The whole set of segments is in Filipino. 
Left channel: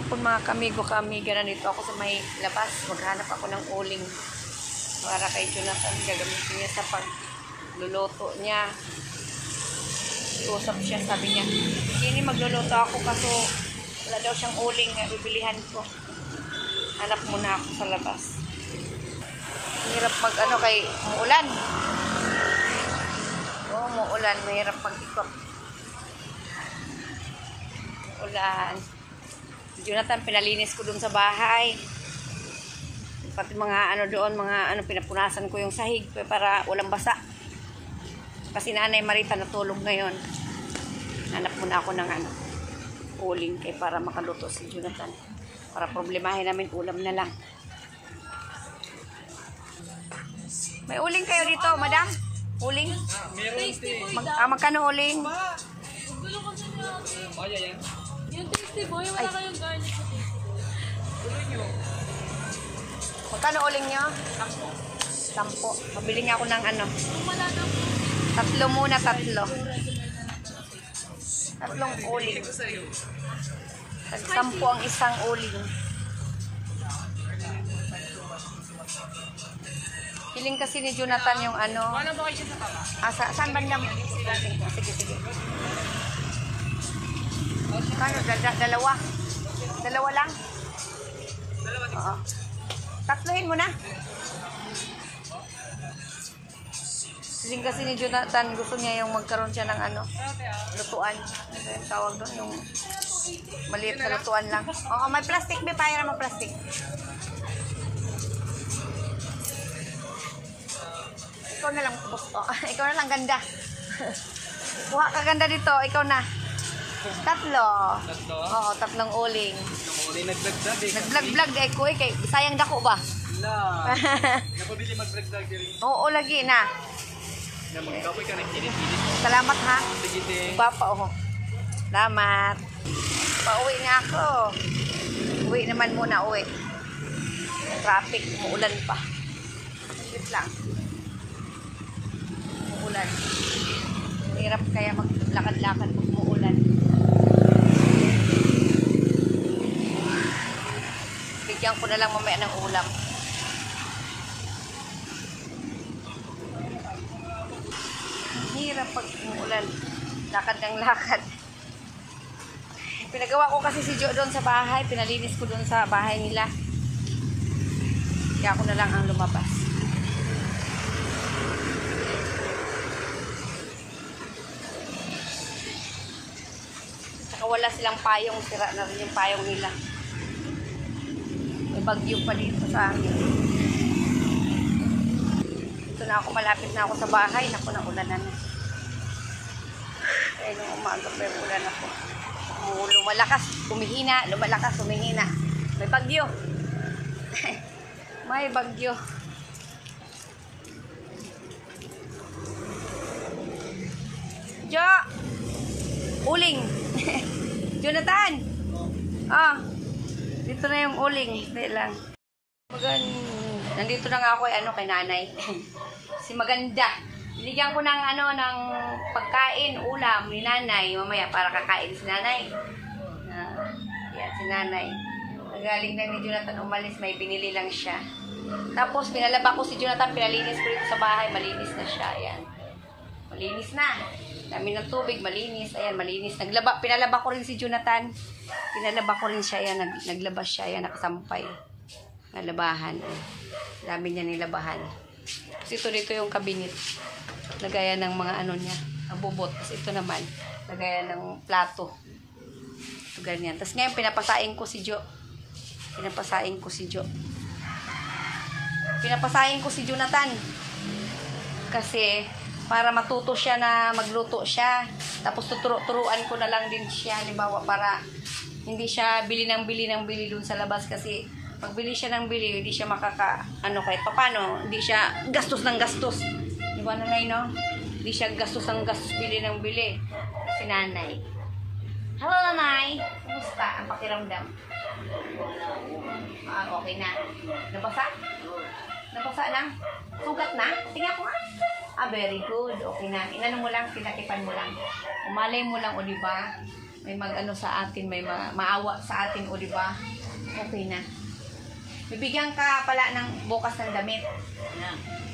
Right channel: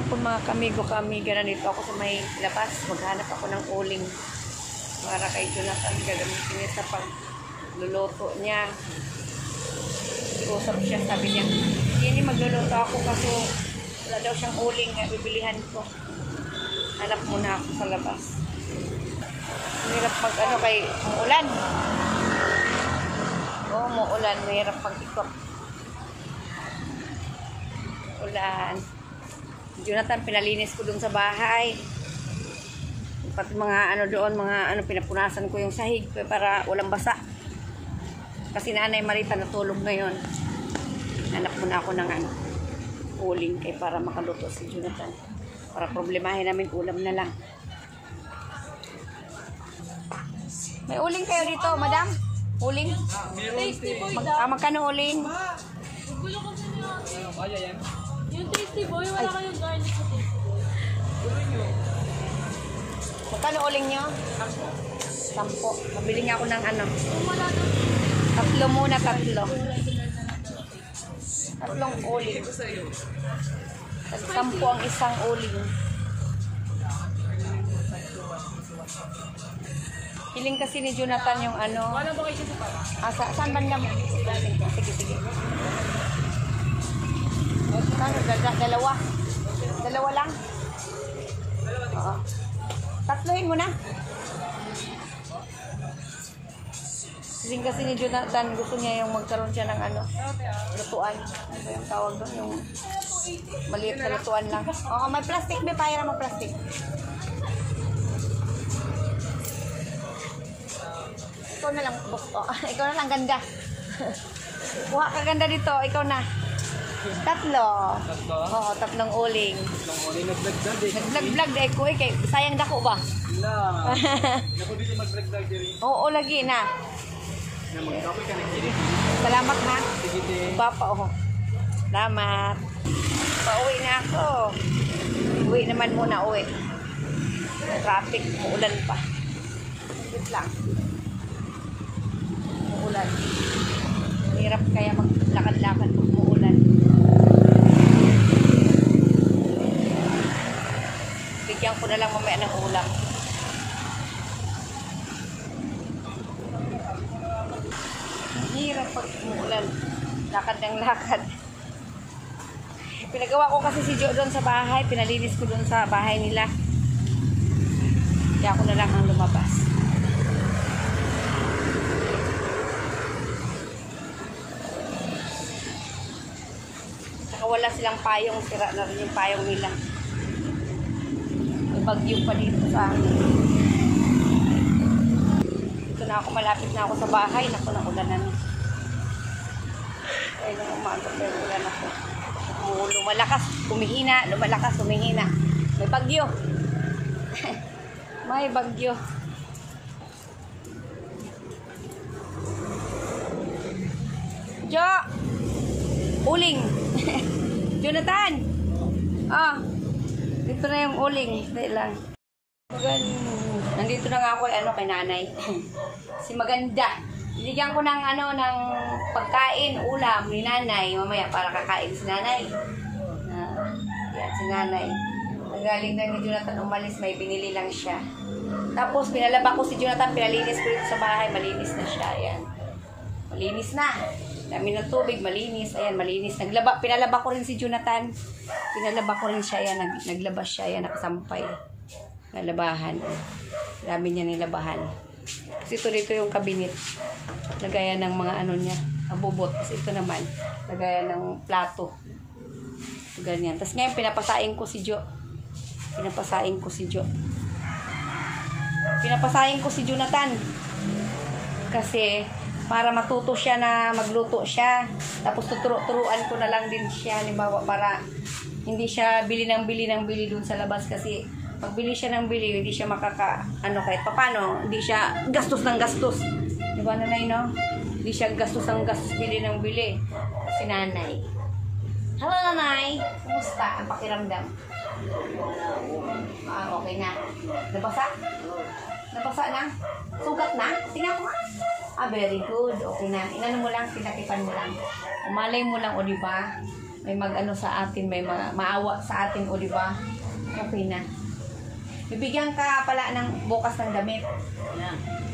hapon mga kamigo-kamiga, nandito ako sa may labas. Maghanap ako ng uling para kay Jonathan. Gagamitin niya sa pagluluto niya. Usap siya, sabi niya, hindi magluluto ako kaso wala daw siyang uling na bibilihan ko. Hanap muna ako sa labas. Mahirap mag kay umuulan. Oo, umuulan. Mahirap mag-ikot. Ulan. Jonathan, pinalinis ko dun sa bahay. Pati mga doon, mga pinapunasan ko yung sahig para walang basa. Kasi Nanay Marita natulog ngayon. Hanap muna ako ng uling kay para makaluto si Jonathan. Para problemahin namin ulam na lang. May uling kayo dito, madam? Uling? Magkano uling? Yung tasty boy, wala kayong garlic. Magkano uling nyo? 10. Mabili nga ako ng tatlo muna, tatlo. Tatlong uling. 10 ang isang uling. Hiling kasi ni Jonathan yung Wala ba kayo sa papa? Saan banda mo? Sige. Kano? Dalawa? Dalawa lang? Oo. Tatlohin mo na. Hiling kasi ni Jonathan, gusto niya yung magkaroon siya ng lutuan. Ano yung tawag doon? Yung maliit na lutuan lang. Oo, may plastic. May payara mo plastic. Ikaw na lang, boss. Oh, ikaw na lang, ganda. Kuha ka ganda dito. Ikaw na. 3. Oo, 3 uling. Nag-vlog-vlog dahil ko eh. Sayang dako ba? Wala. Napabili mag-vlog-vlog rin. Oo, lagi na. Salamat ha. Papa, oh. Salamat. Pauwi na ako. Uwi naman muna, uwi. Traffic, muulan pa. Wait lang. Muulan. Hirap kaya maglakad-lakad pag muulan. Bigyan ko na lang mamaya ng ulam. Hirap pag umuulan. Lakad ng lakad. Pinagawa ko kasi si Jo doon sa bahay. Pinalinis ko doon sa bahay nila. Kaya ako na lang ang lumabas. Saka wala silang payong. Sira na rin yung payong nila. May bagyo pa dito sa amin. Dito na ako, malapit na ako sa bahay. Naku, naulanan. Kaya nung umaga pa yung ulan ako. Lumalakas, humihina. Lumalakas, humihina. May bagyo. May bagyo. Jo! Uling! Jonathan! Dito na yung uling. Hindi lang. Nandito na nga ako kay nanay. Si Maganda. Binigyan ko ng ng pagkain, ulam ni nanay. Mamaya para kakain si nanay. Yan, si nanay. Nagaling lang ni Jonathan umalis, may binili lang siya. Tapos pinalaba ko si Jonathan, pinalinis ko dito sa bahay. Malinis na siya. Ayan. Malinis na. Dami ng tubig, malinis. Ayan, malinis. Pinalaba ko rin si Jonathan. Pinalaba ko rin siya. Ayan, naglaba siya. Ayan, nakasampay. Nalabahan. Dami niya nilabahan. Kasi dito yung kabinet. Lagayan ng mga niya. Abubot. Tapos ito naman, lagayan ng plato. So, ganyan. Tapos ngayon, pinapasain ko si Jo. Pinapasain ko si Jonathan. Kasi, para matuto siya na magluto siya. Tapos turuan ko na lang din siya. Halimbawa, para hindi siya bili dun sa labas. Kasi pagbili siya ng bili, hindi siya kahit papano, hindi siya gastos ng gastos. Di ba, nanay, no? Hindi siya gastos ng gastos, bili ng bili. Si nanay. Hello, nanay. Kumusta ang pakiramdam? Okay na. Nabasa? Nabasa na? Sugat na? Tingnan ko nga. Very good. Okay na. Inano mo lang, pinatipan mo lang. Umalay mo lang, o diba? may mag-ano sa atin, may maawa sa atin, o di ba? Okay na. Bibigyan ka pala ng bukas ng damit.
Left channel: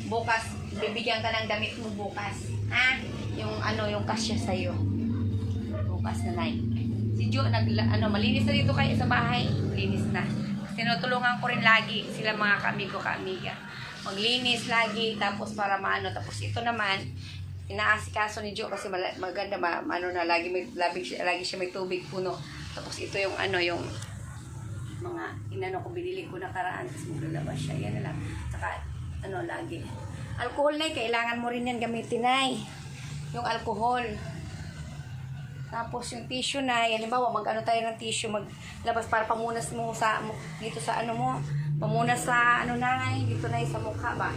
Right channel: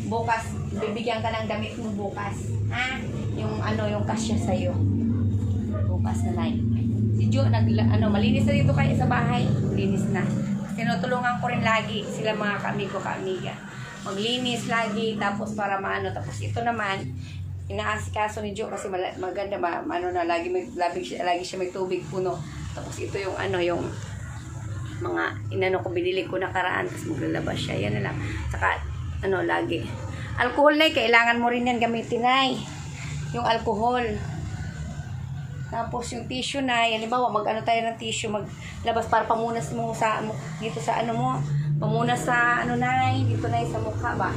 Bukas, bibigyan ka ng damit mo bukas. Ha? Yung ano, yung kasya sa'yo. Bukas na night. Si Jo, malinis na dito kayo sa bahay. Malinis na. Tinutulungan ko rin lagi sila mga kaamiga. Maglinis lagi, tapos para maano. Tapos ito naman, inaasikaso ni Jo kasi maganda ba, lagi siya may tubig puno. Tapos ito yung yung mga ko binili ko nakaraan, tapos maglalabas siya. Yan na lang. Saka lagi. Alcohol na kailangan mo rin yan gamitin yung alcohol. Tapos yung tissue na, halimbawa tayo ng tissue, maglabas para pamunas mo dito sa mo, pamunas sa dito sa mukha ba?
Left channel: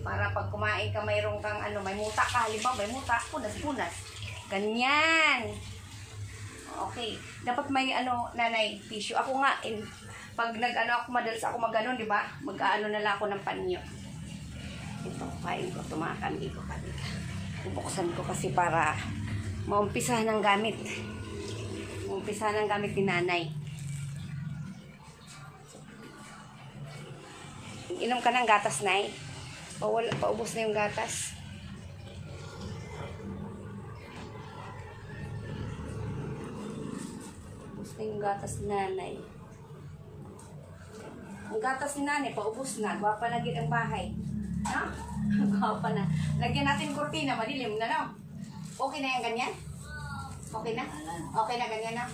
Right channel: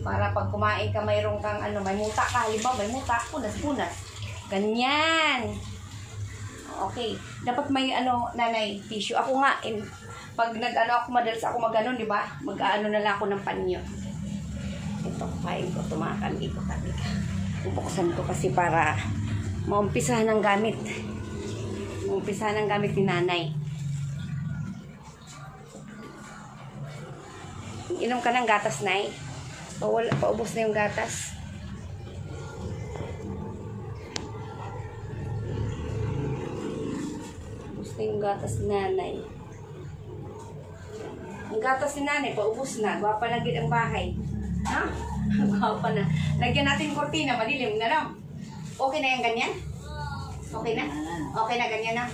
Para pag kumain ka, mayroong kang may muta ka, halimbawa may muta, punas. Ganyan. Okay. Dapat may nanay, tissue. Ako nga, pag ako, madalas ako di ba? Mag-ano na lang ako ng panyo. Ito, kuhain ko, tumakan, ikotan. Bubuksan ko kasi para maumpisahan ng gamit. Maumpisahan ng gamit ni nanay. Inom ka ng gatas, nay. Paubos na yung gatas. Paubos na yung gatas ni nanay. Ang gatas ni nanay, paubos na. Gwapa na gid ang bahay. Ha? Gwapa na. Lagyan natin kortina, madilim na lang. Okay na yung ganyan? Okay na? Okay na ganyan na?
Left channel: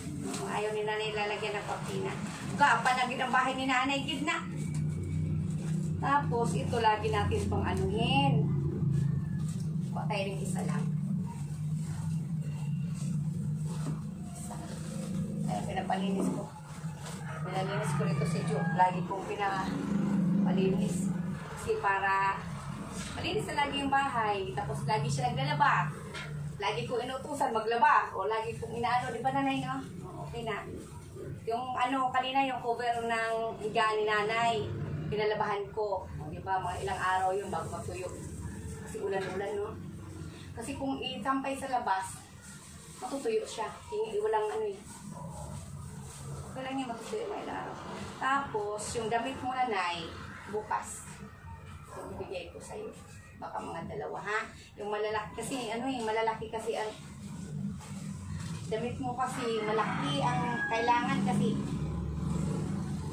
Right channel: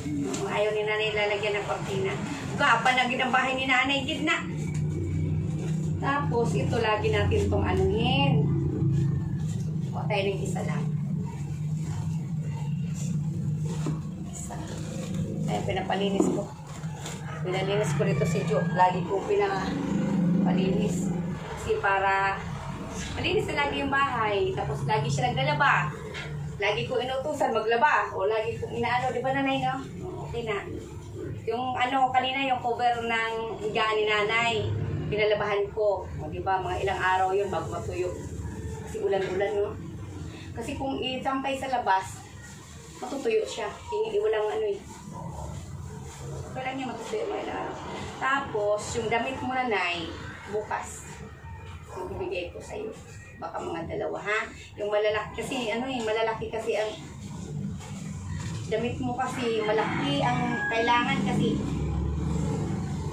Ayaw ni nanay lalagyan ng kortina. Gwapa na gid ang bahay ni nanay, gid na. Tapos, ito lagi natin itong anuhin. Huwag tayo ng isa lang. Isa. Ayan, pinapalinis ko. Pinalinis ko rito si Jo. Lagi ko pinapalinis. Kasi para malinis na lagi yung bahay. Tapos, lagi siya naglalaba. Lagi ko inutusan maglaba. O lagi ko inaano. Di ba nanay, no? Okay na. Yung kanina, yung cover ng higaan ni nanay. Pinalabahan ko. O, diba, mga ilang araw yun bago matuyo. Kasi ulan-ulan, no? Kasi kung isampay sa labas, matutuyo siya. Hindi walang Walang niya matutuyo mga ilang araw. Tapos, yung damit mo nanay, bukas. Ibibigay ko sa'yo. Baka mga dalawa, ha? Yung malalaki kasi, malalaki kasi ang damit mo kasi, malaki ang kailangan kasi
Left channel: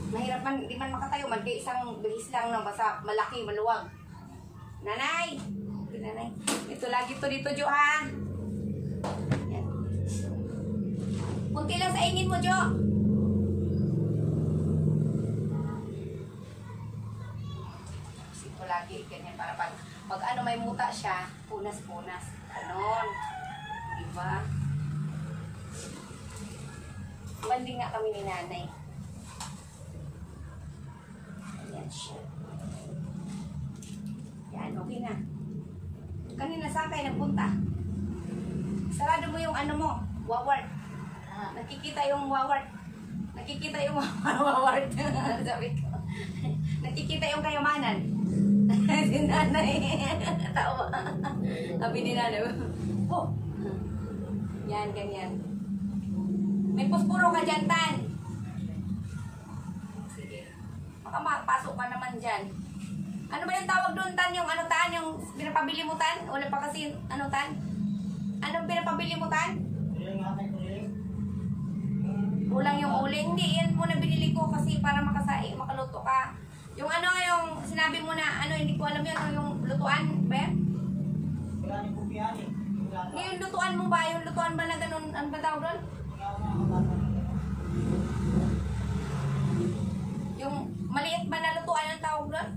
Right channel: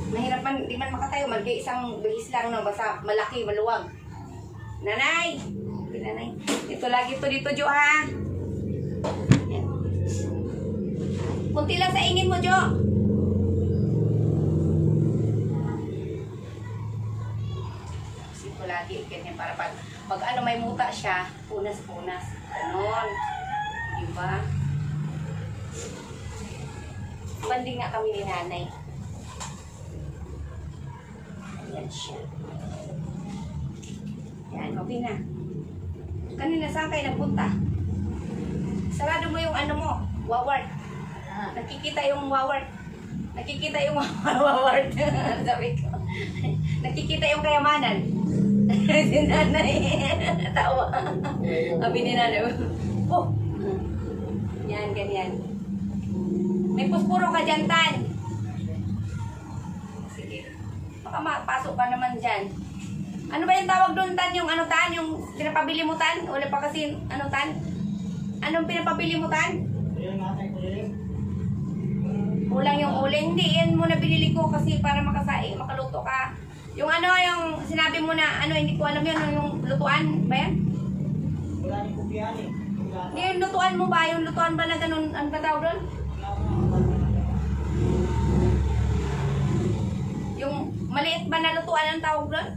mahirap man, di man makatayo, isang bihis lang na basta malaki, maluwag. Nanay! Nanay. Ito lagi to dito, Jo, ha? Yan. Kunti lang sa ingin mo, Jo. Ito lagi, ganyan, para pag may muta siya, punas-punas. Ganon. Diba? Banding nga kami ni nanay. Yan siya. Yan, okay na. Kanina saan kayo nagpunta? Sarado mo yung mo, wawart. Nakikita yung wawart. Nakikita yung wawart. Sabi ko. Nakikita yung kayamanan. Si nanay. Tawa. Sabi ni nanay. Oh. Yan, ganyan. May puspuro ka dyan, Tan. Baka mapasok ka naman dyan. Ano ba yung tawag doon, Tan? Yung Tan? Yung pinapabili mo, Tan? Wala pa kasi, Tan? Anong pinapabili mo, Tan? Ulang yung uling. Hindi, yan muna binili ko kasi para makaluto ka. Yung yung sinabi mo na, hindi ko alam yun, yung lutuan ba yan? Wala nang kupihan eh. Yung lutuan mo ba? Yung lutuan ba na ganun, ano ba tawag doon? Yung maliit ba na lutuan ang tawag doon?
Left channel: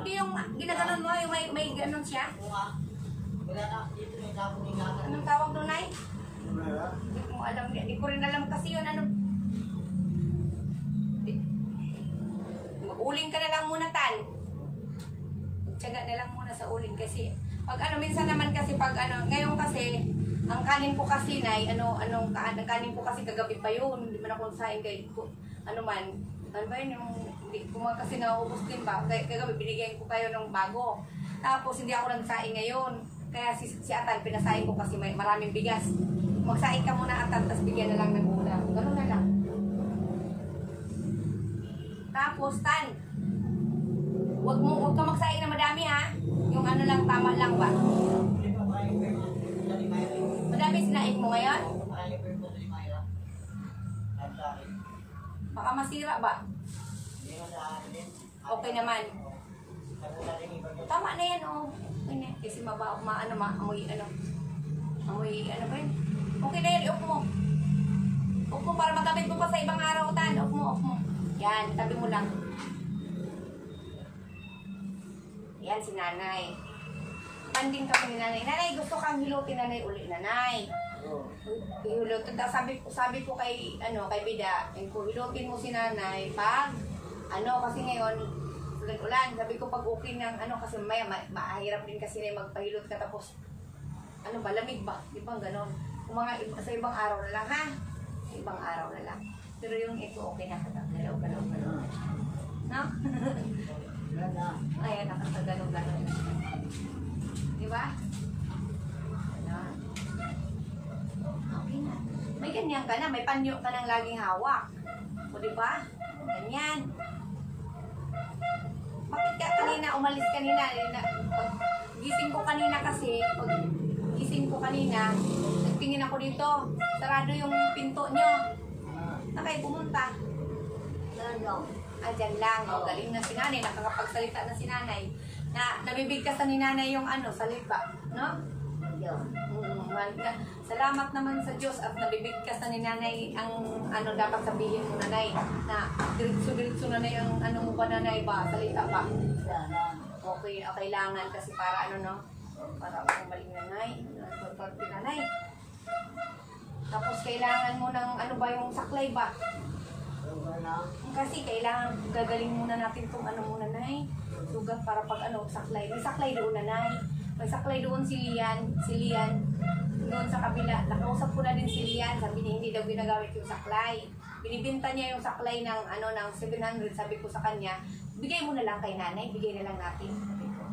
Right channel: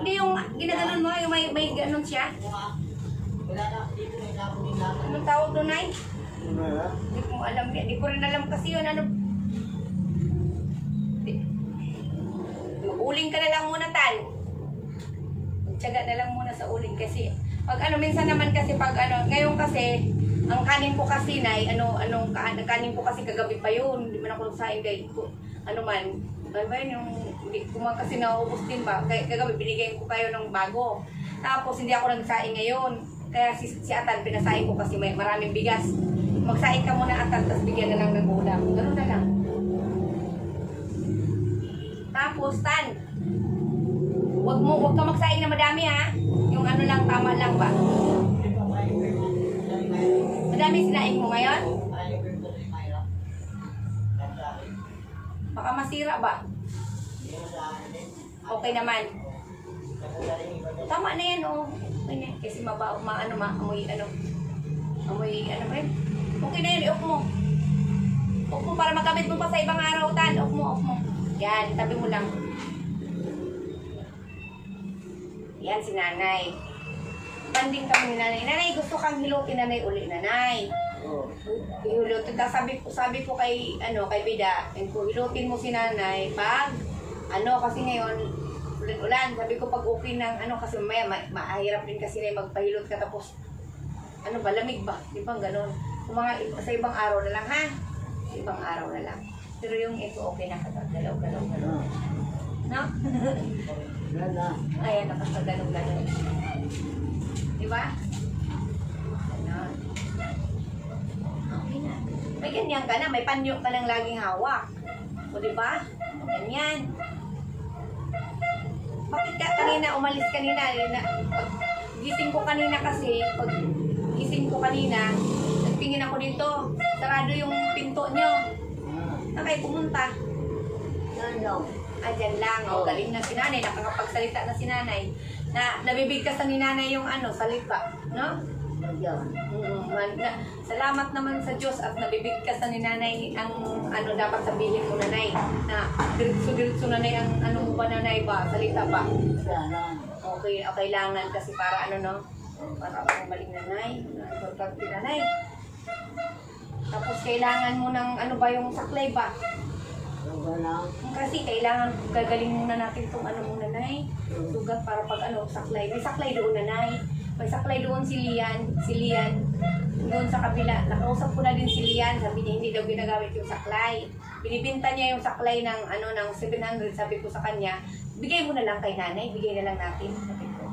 Hindi yung ginaganon mo, yung may ganon siya. Wala na, dito na ikapon yung laman. Anong tawag doon, Nay? Hindi ko alam. Hindi ko rin alam kasi yun. Mag-uling ka na lang muna, Tan. Tiyaga na lang muna sa uling kasi pag minsan naman kasi pag ngayon kasi ang kanin ko kasi Nay, kanin ko kasi kagabi pa yun. Hindi man ako saing kay ano ba yun, yung hindi ko kasi naubos din ba? Kagabi binigay ko kayo ng bago. Tapos hindi ako nagsaing ngayon. Kaya si Atan pinasaing ko kasi may maraming bigas. magsaing ka muna atan, tapos bigyan na lang ng ulam. Ganun na lang. Tapos, Tan, wag ka magsaing na madami ha. Yung ano lang, tama lang ba? Madami sinaing mo ngayon? Baka masira ba? Okay naman. Tama na yan, oh. Okay na. Kasi amoy ba yun? Okay na yan, iok mo. Iok mo para magamit mo pa sa ibang araw, Tan. Iok mo. Yan, tabi mo lang. Yan si Nanay. Banding kami ni Nanay. Nanay, gusto kang hilutin na may uli, Nanay. Hilutin. Sabi ko kay Bida, hilutin mo si Nanay pag, kasi ngayon, ulan. Sabi ko pag okay ng, kasi mamaya, mahirap din kasi na magpahilot ka tapos, lamig ba? Di ba ganon? Sa ibang araw na lang, ha? Sa ibang araw na lang. Pero yung ito, okay na katagalaw. No? Ayan, nakasagalaw. Di ba? Ganon. Okay na. May ganyan ka na, may panyo ka nang laging hawak. O di ba? Ganyan. Bakit ka umalis kanina? Gising ko kanina kasi, nagtingin ako dito. Sarado yung pinto nyo. Saan kayo pumunta? Dyan lang. O, galing na si Nanay. Nakakapagsalita na si Nanay. Nabibigkas na ni Nanay yung salita. No? Salamat naman sa Diyos at nabibigkas na ni Nanay ang dapat sabihin mo, Nanay. Na diretso Nanay ang mo ba, Nanay ba? Salita ba? Okay, kailangan kasi para para maling Nanay. Importante, Nanay. Tapos kailangan mo ng yung saklay ba? Kasi kailangan gagaling muna natin itong muna, Nay. Sugat para pag saklay. May saklay doon, Nanay. May saklay doon si Lian. Doon sa kabila. Nakausap ko na din si Lian. Sabi niya hindi daw ginagamit yung saklay. Binibinta niya yung saklay ng ng 700. Sabi ko sa kanya, bigay mo na lang kay Nanay. Bigay na lang natin. Sabi ko.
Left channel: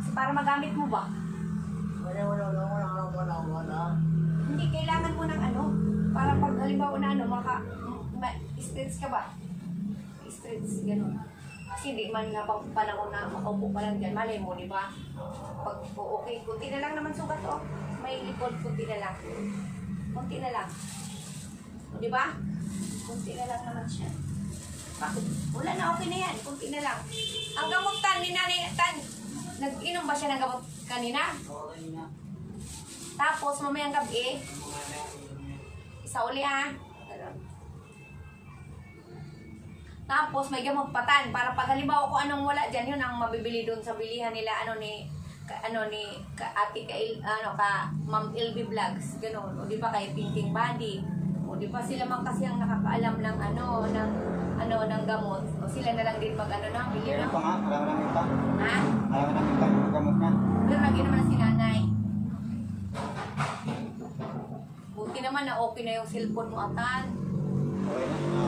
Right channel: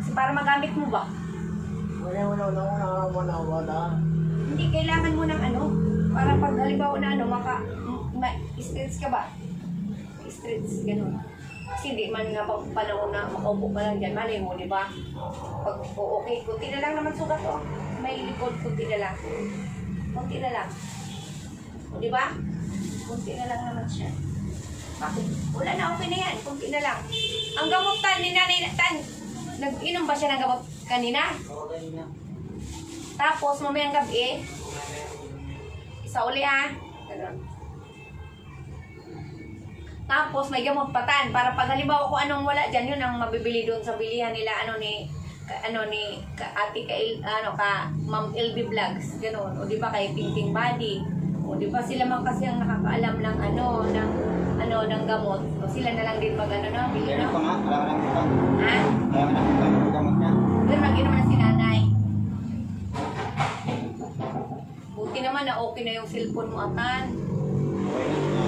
Kasi para magamit mo ba? Wala. Hindi, kailangan mo ng para pag halimbawa na stretch ka ba? Stretch, gano'n. Kasi hindi man nga pang panahon na makaupo ka lang dyan. Malay mo, di ba? Pag okay, kunti na lang naman sugat, oh. May likod, kunti na lang. Kunti na lang. Di ba? Kunti na lang naman siya. Bakit? Wala na, okay na yan. Kunti na lang. Ang gamot ni Nanay Tan, nag-inom ba siya ng gamot kanina? Tapos, mamayang gabi, isa uli ha. Ganun. Tapos, may gamot patan. Para pag halimbawa ko anong wala dyan, yun ang mabibili doon sa bilihan nila, ni Ma'am LB Vlogs. Ganun. O di ba kay Ting Body. O di ba sila man kasi ang nakakaalam ng ng gamot. O sila na lang din ng bili. Meron pa nga, alam kita. Ha? Alam kita yung gamot niya. Pero nag-inom na si Nanay. Buti naman na okay na yung cellphone mo, Atan.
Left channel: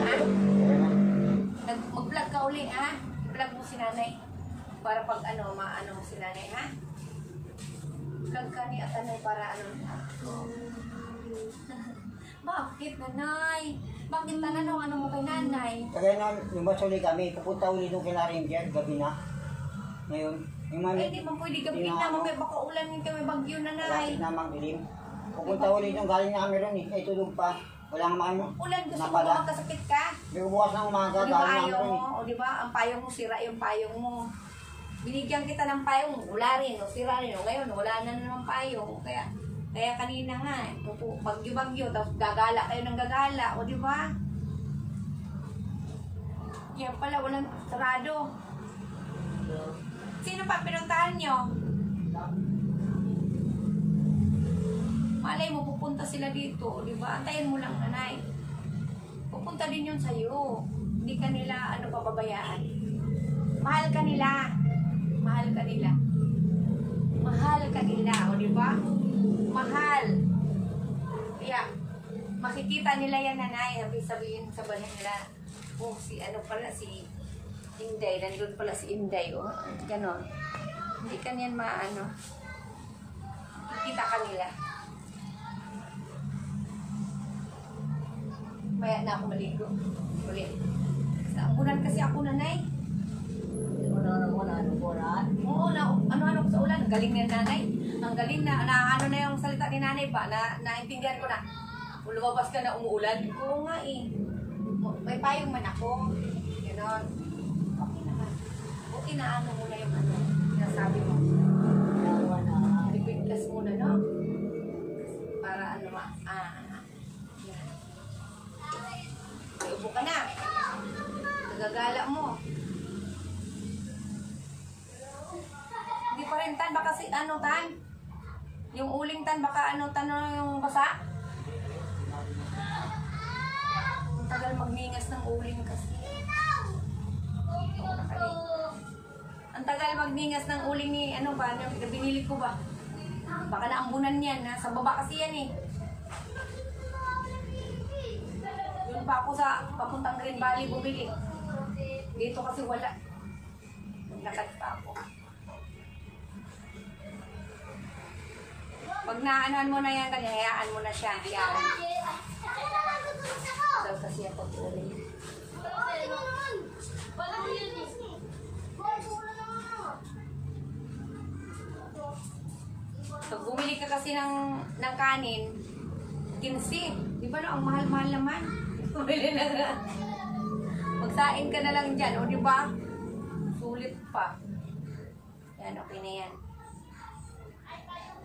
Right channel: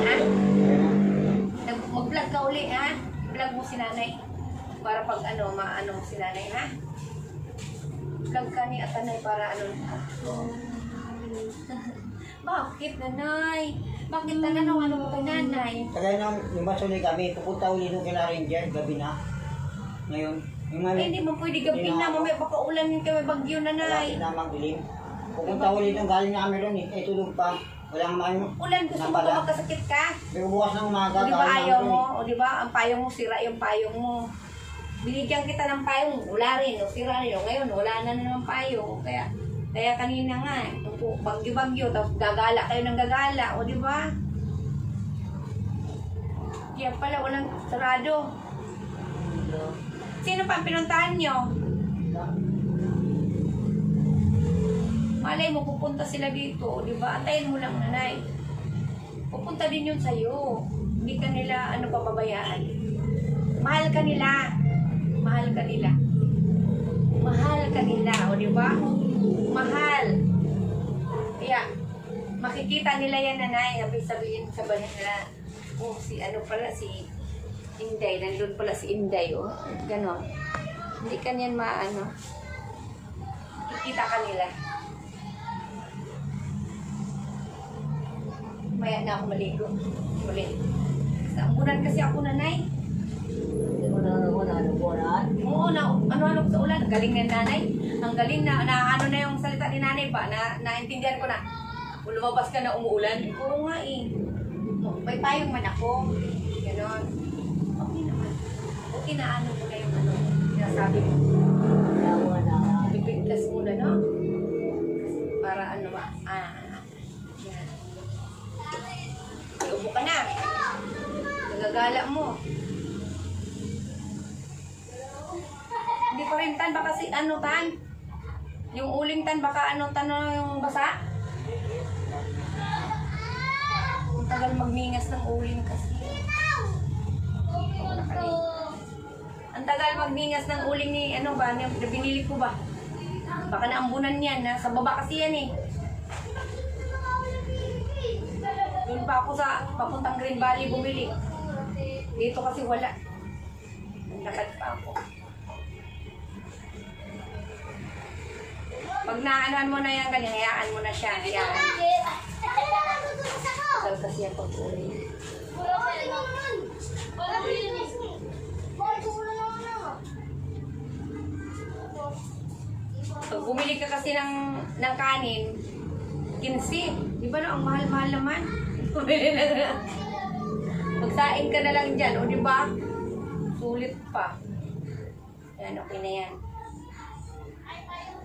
Ha? Mag-vlog ka uli, ha? Vlog mo si Nanay. Para pag maano si Nanay, ha? Vlog ka ni Atanay para Bakit, Nanay? Bakit tanong mo kay Nanay? Kaya na, yung masuli kami, pupunta uli nung kila Ranger, gabi na. Ngayon, yung Hindi mo pwede gabi na, mamaya baka ulan yung may bagyo, Nanay. Wala na magdilim. Pupunta uli nung galing na kami ron eh, tulog pa. Walang maano. Ulan, gusto mo ba magkasakit ka? May bubukas ng umaga. O di ba ayaw mo? O di ba ang payong mo, sira yung payong mo. Binigyan kita ng payong, wala rin, o sira rin. O ngayon, wala na naman payong. Kaya kanina nga, bagyo-bagyo, tapos gagala kayo ng gagala, o di ba? Kaya pala, walang sarado. Sino pa pinuntahan nyo? Malay mo, pupunta sila dito, di ba? Antayin mo lang, Nanay. Pupunta din yun sa'yo. Hindi ka nila, pababayaan. Mahal ka nila. Mahal ka nila. Mahal ka nila, o di ba? Mahal. Kaya, makikita nila yan, Nanay. Sabihin sa bahay nila, si Inday. Nandun pala si Inday, o. Ganon. Hindi ka niyan makikita ka nila. Maya na ako maligo. Ulit. Sa ambunan kasi ako, nanay. Oo, ano ko sa ulan. Ang galing na nanay. Ang galing na ano na yung salita ni nanay ba? Naintindihan ko na. Kung lumabas ka na umuulan. Oo nga eh. May payong man ako. Ganon. Okay naman. Okay na ano muna yung ano. Sinasabi mo. Lipid plus muna, no? Para ano ba? Yan. Ubo ka na. Nagagala mo. Hindi pa rin tan, baka si ano tan? Yung uling tan, baka ano tan yung basa? Ang tagal magningas ng uling kasi. Ang tagal magningas ng uling ni ano ba, na binili ko ba? Baka naambunan yan, sa baba kasi yan eh. Doon pa ako sa papuntang Green Valley bumili. Dito kasi wala. Naglakad pa ako. Pag naanohan mo na yan, ganyan, hayaan mo na siya. Hayaan. Tagal kasi yan pag-uwi. Pag bumili ka kasi ng kanin, 15. Di ba no, ang mahal-mahal naman. Bumili na. Magsaing ka na lang dyan, o di ba? Sulit pa. Yan, okay na yan.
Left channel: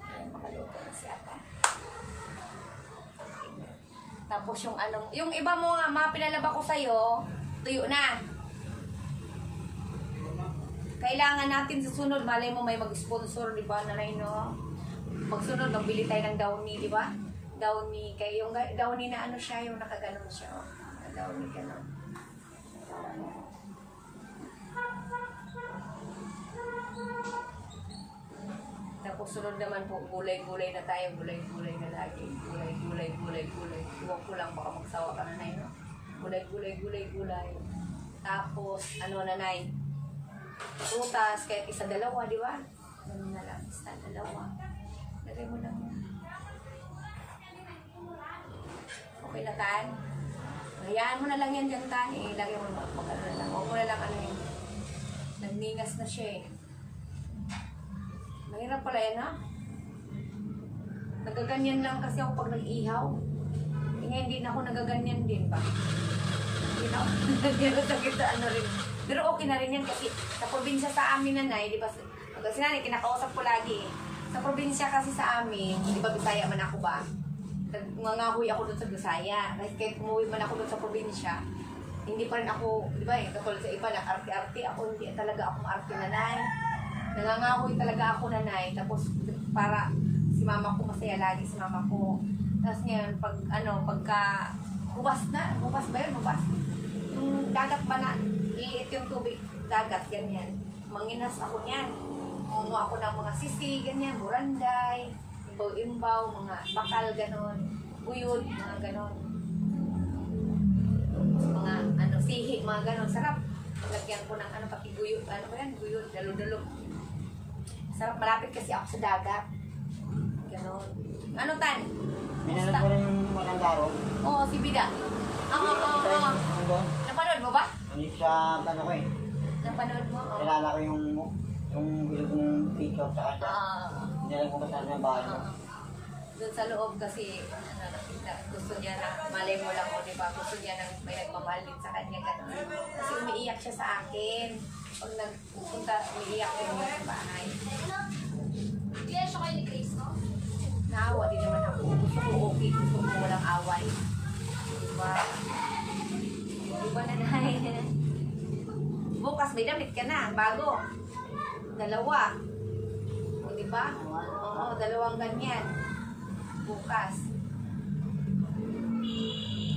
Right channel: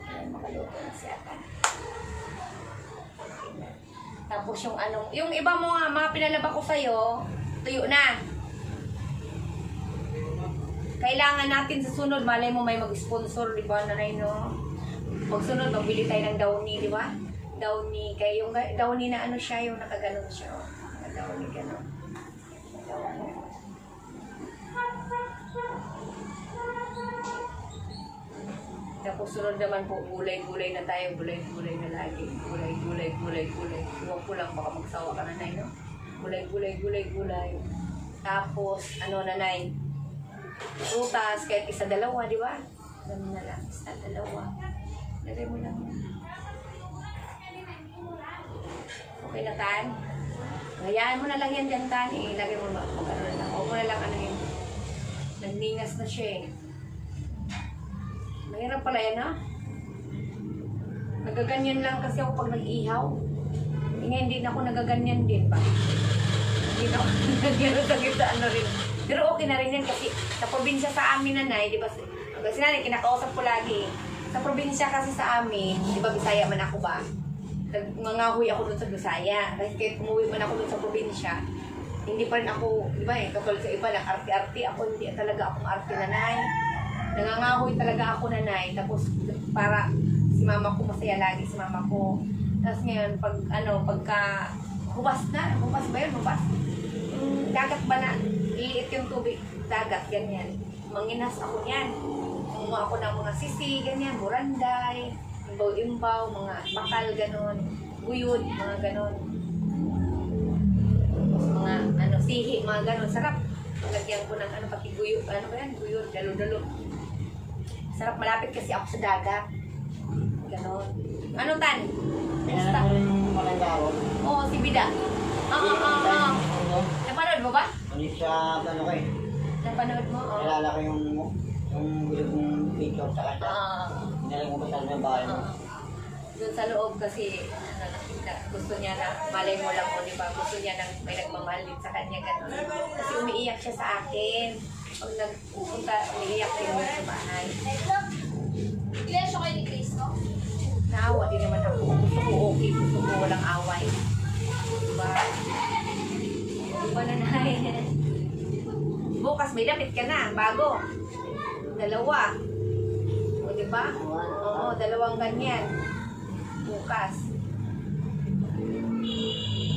Yan, makaluto na siya. Tapos yung anong, yung iba mo nga, mga pinalaba ko sa'yo, tuyo na. Kailangan natin sa sunod, malay mo may mag-sponsor, di ba, nanay, no? Pagsunod, magbili tayo ng downy, di ba? Downy, kaya yung downy na ano siya, yung nakaganon siya. Oh. Downy, ganon. Tapos sunod naman po, gulay-gulay na tayo, gulay-gulay na lagi. Gulay. Huwag ko lang, baka magsawa ka nanay, no? Gulay. Tapos, ano nanay? Prutas, kahit isa dalawa, di ba? Ganun na lang, isa dalawa. Lagay mo lang yan. Okay na, Tan? Hayaan mo na lang yan dyan, Tan. Ilagay mo na. Ano na lang. Huwag mo na lang ano yun. Nagningas na siya eh. Mahirap pala yan, ha? Nagaganyan lang kasi ako pag nag-ihaw. Hindi na ako nagaganyan din ba? Hindi na ako nagaganyan sa kita, ano rin. Pero okay na rin yan kasi sa probinsya sa amin, nanay, di ba? Kasi nanay, kinakausap ko lagi. Sa probinsya kasi sa amin, di ba Bisaya man ako ba? Nangahoy ako dun sa Bisaya. Kasi kahit umuwi man ako dun sa probinsya, hindi pa rin ako, di ba katulad sa iba, nag-arte-arte ako, hindi talaga akong arte, nanay. Nangangahoy talaga ako, nanay. Tapos para si mama ko masaya lagi, si mama ko. Tapos ngayon, pagka hubas ba yun? Dagat ba na, liit yung tubig, dagat, ganyan. Manginas ako niyan. Kumuha ako ng mga sisi, ganyan, buranday, imbaw-imbaw, mga bakal, ganon, guyod, mga ganon. Tapos mga, sihi, mga ganon, sarap. Lagyan ko ng, pati guyod, guyod, dalo-dalo. Sarap, malapit kasi ako sa dagat. Ganon. Ano, Tan? Pinanap mo rin yung maganda ako. Oo, si Bida. Napanood mo ba? Hindi siya, ano kayo? Napanood mo? Oo. Kilala ko yung bilog mong picture sa kanya. Hindi ko ba saan yung bahay mo? Doon sa loob kasi gusto niya na, malay mo lang o, di ba? Gusto niya na may nagmamahal din sa kanya. Kasi umiiyak siya sa akin. Pag nagpunta, umiiyak din niya sa bahay. Iglesia kayo ni Cristo? Naawa din naman ako. Gusto ko okay. Gusto ko walang away. Diba? Diba na nahin? Bukas may damit ka na. Bago. Dalawa. O diba? Oo, dalawang ganyan. Bukas.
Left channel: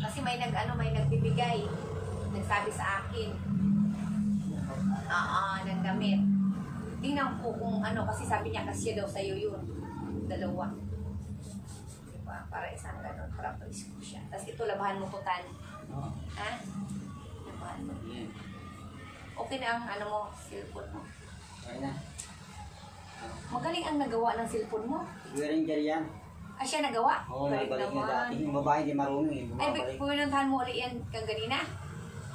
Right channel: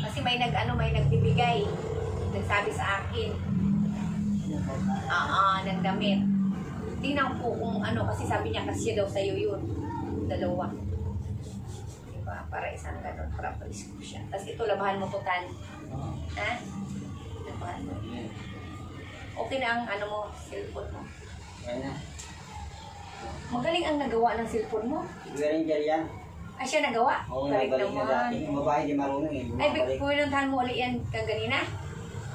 Kasi may nagbibigay. Nagsabi sa akin. Nagdamit. Tingnan ko kung kasi sabi niya kasi daw sa'yo yun. Dalawa. Diba? Para isang ganun. Para palis ko siya. Tapos ito, labahan mo to, Tan. Ha? Labahan mo. Okay na ang mo, cellphone mo. Yan na. Magaling ang nagawa ng cellphone mo. Galing dyan yan. Ay, siya nagawa? Oo, Balik nagaling na dati. Yung babae di marunong eh. Ay, Bumabalik. pinuntahan mo ulit yan kaganina?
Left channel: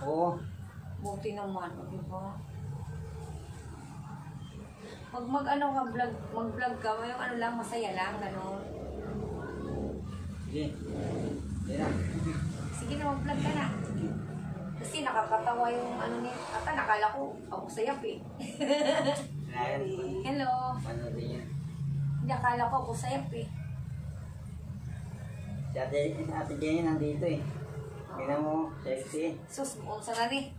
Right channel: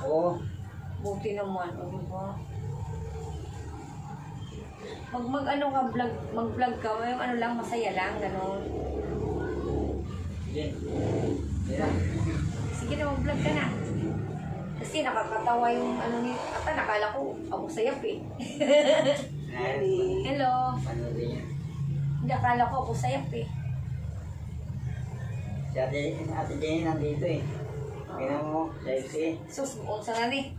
Oo. Buti naman, o diba? Mag-ano ka, mag-vlog ka, yung ano lang, masaya lang, gano'n. Sige. Sige. Sige na, mag-vlog ka na. Kasi nakakatawa yung ano ni, ata nakala ko, ako sayap eh. Hello. Panoodin niya. Hindi, akala ko ako sayap eh. Si Ate Jenny nandito eh. Tingnan mo, sexy. Sus, unsa na ni.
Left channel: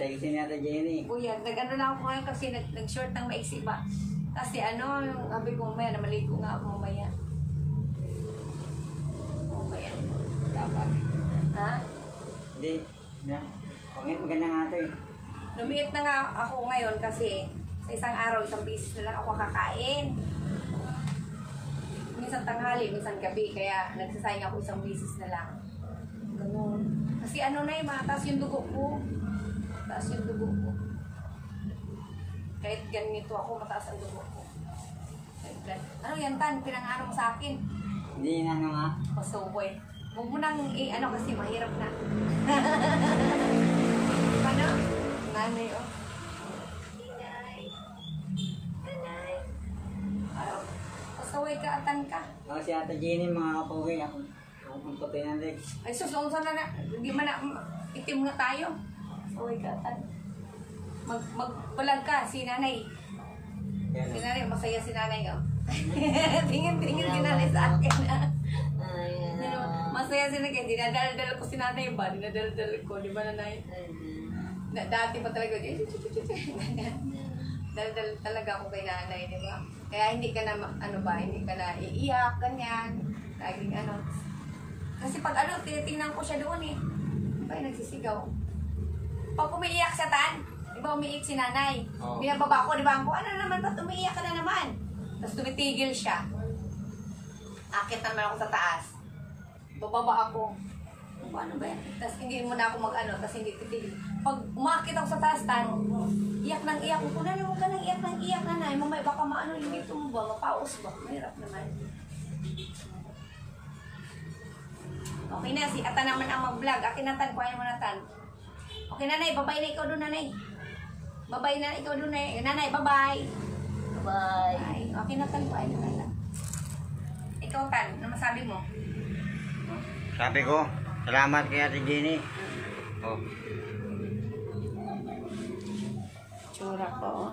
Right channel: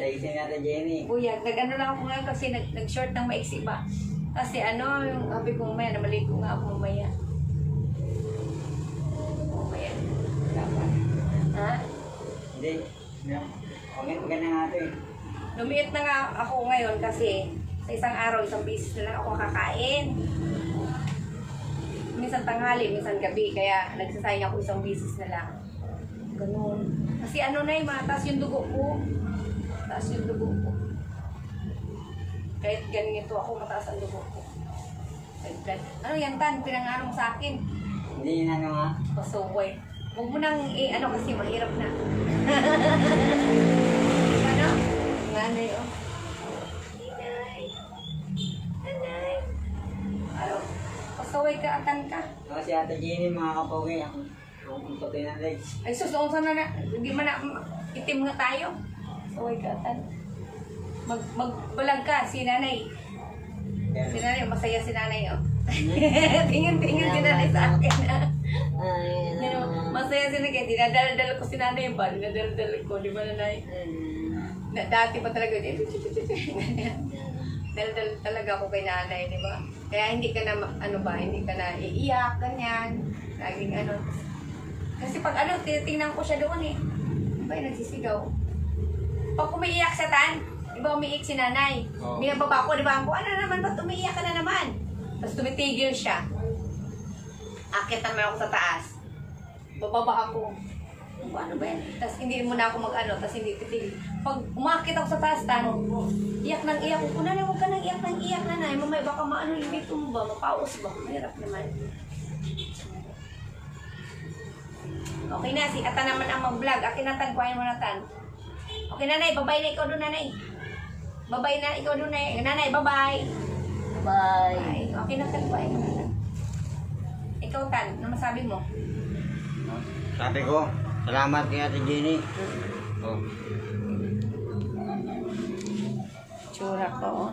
Sexy ni Ate Jenny. Buyag, nag-ano lang ako ngayon kasi nag-short ng maiksi ba. Kasi ano, yung sabi ko mamaya, namaligo nga ako mamaya. Mamaya, dapat. Ha? Hindi. Okay na nga ito eh. Lumiit na nga ako ngayon kasi sa isang araw, isang beses na lang ako kakain. Minsan tanghali, minsan gabi, kaya nagsasayang ako isang beses na lang. Ganun. Kasi ano na mataas yung dugo ko. Mataas yung dugo ko. Kahit ganito ako, mataas ang dugo ko. Ano yan, Tan? Pinangaraw mo sa akin. Hindi na nga. Pasuboy. Huwag mo nang ano kasi mahirap na. Ano? Nanay, oh. Nanay. Ano? Pasaway ka, atan ka. Kasi Ate Jenny, mga kapogi, ang puti ng legs. Ay, sus, noon sana na. Hindi man na, itim na tayo. Pasaway ka, atan. Magbalag ka, si nanay. Si nanay, masaya si nanay, oh. Tingin si nanay sa akin, ah. Masaya sila kaya dinadala-dala ko si nanay ba? Dinadala-dala ko, di ba nanay? Dati pa talaga, dala-dala talaga ako kay nanay, di ba? Kaya hindi ka na, ano ba, hindi ka na iiyak, ganyan. Laging ano. Kasi pag ano, tinitingnan ko siya doon eh. Di ba yung nagsisigaw? Pag umiiyak sa Tan, di ba umiiyak si nanay? Binababa ko, di ba? Ano naman, ba't umiiyak ka na naman? Tapos tumitigil siya. Akit naman ako sa taas. Bababa ako. Ano ba yan? Tapos hindi mo na ako mag-ano, tapos hindi titigil. Pag umakit ako sa taas, Tan, iyak nang iyak ko. Nanay, huwag ka nang iyak nang iyak, nanay. Mamay, baka maano yung dito mo ba? Mapaus ba? Mahirap naman. Okay na, si Ata naman ang mag-vlog. Akin na, Tan, kuhain mo na, Tan. Okay, nanay, babay na ikaw doon, nanay. Babay na ikaw doon, nanay. Bye-bye. Bye. Okay na, Tan, kuhain mo na. Ikaw, Tan, ano masabi mo? Sabi ko, salamat kay Ate Jenny. Oh. Tsura ko, oh.